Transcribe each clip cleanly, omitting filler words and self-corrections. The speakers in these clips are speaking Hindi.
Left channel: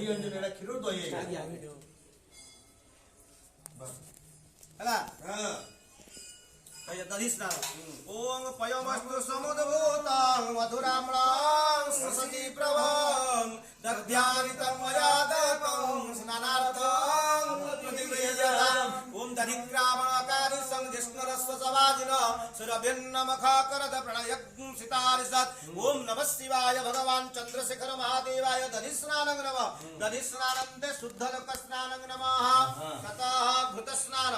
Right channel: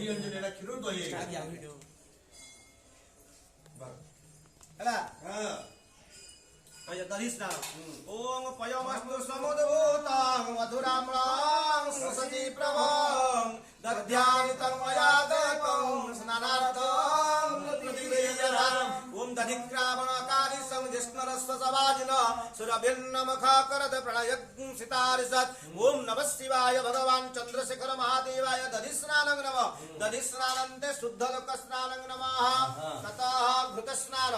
दही अंजन एटा क्षीर दही ହେଲା हां कय दधि स्नान ओम पयमस्तु समुद्भूतं मधुराम्लां ससति प्रभं दध्यानितं मया दत्तं स्नानार्थं प्रतिगृह्यताम् ओम दधिक्रामणकारि संजिष्णुरस्व सवाजिन सुरभिन्नमखाकरद प्रणयग्ंसितारिसत् ओम नमः शिवाय भगवान् चन्द्रशेखर महादेवाय दधि स्नानं नमः दधि स्नानन्ते शुद्धलोक स्नानं नमः ततः घृत स्नान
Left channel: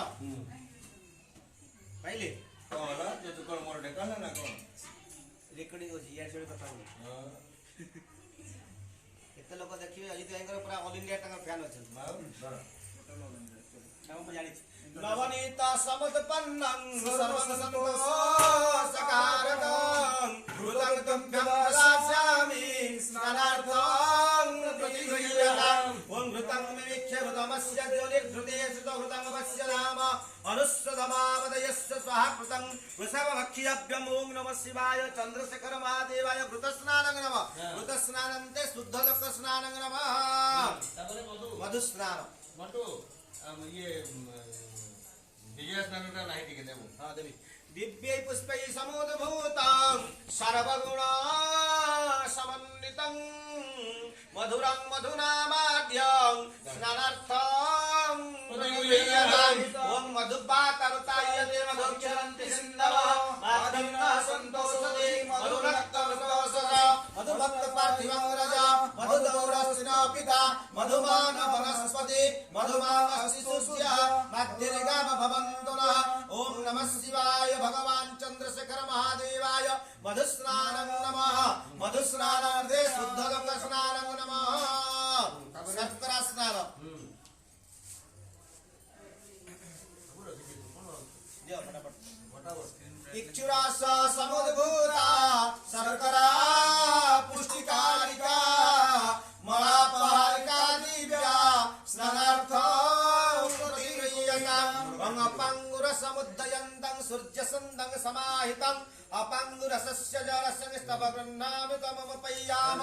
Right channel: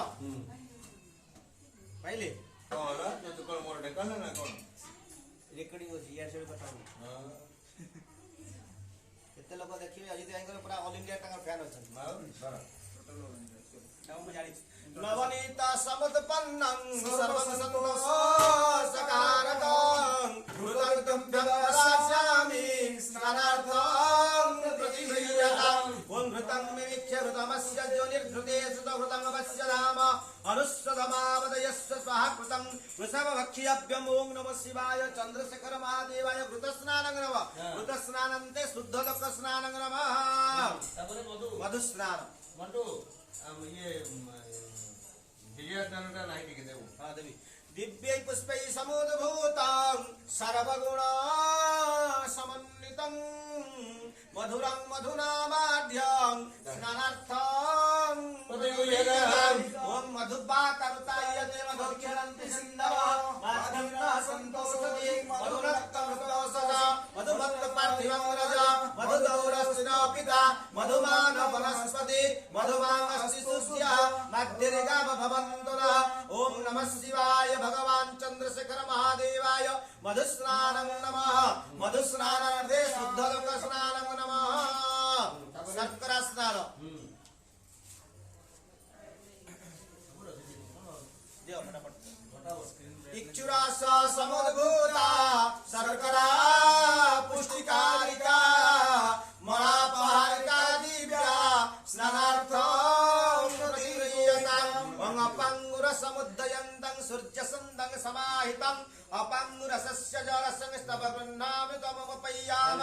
पहले कौन जो कोन मोर ढेकल ना कोन रेकर्डिंग होची यार से कथा हो हां केते लोक देखिबे अजित भाईकर पूरा ऑल इंडिया टाका फैन अछन बाबू बरा हम जानि नवनीता समुत्पन्नं सर्वं सन्तोषकारकं घृतं व्यवसास्यामि स्नानार्थं प्रतिगृह्यताम् ओम घृतं विविच्य घृतमस्य ज्योतिर्घृते सुतघृतं अवस्य धाम अनुस्वधमावदयस्य स्वाहा कृतं वृषभभक्षियभ्यम् ओम नमः शिवाय चन्द्रशेखर महादेवाय घृतस्नानं नमः घृतस्नानन्ते शुद्धलोक स्नानं नमः तापरे मधु स्नान मंटू ये दिव्य स्नानटा नाही ठीक देबो हां देवी दिव्यै पुष्पै समुद्भूतं सर्वगुण समन्वितं मधुरं मधुनामाद्यं स्नानार्थं ओम मधुबातरुतायते मधुक्षरन्ति सिन्धव माधवः सन्तोषते मधुरक्तमस्तोषः मधुभक्त पार्थिवं रज मधुदौरस्थिनो पिता मधुमान वनस्पति मधुमामशिशुस्यः मध्यर्गाम भवन्तु नः ओम नमः शिवाय भगवान् चन्द्रशेखर महादेवाय मधुस्नानं नमः मधुस्नानार्थे शुद्धलोक स्नानं नमः शर्करा स्नान दियो फटाफट इक्षुरास समुद्भूता शर्करा पुष्टिकारिका मलापहारिका दिव्या स्नानार्थं प्रतिगृह्यताम् अंगपाङ्गुर समुद्दयन्तं सूर्यसन्दं समाहितं अपाङ्गुरसस्य जलसंस्तव गृह्णामि कममपय्याम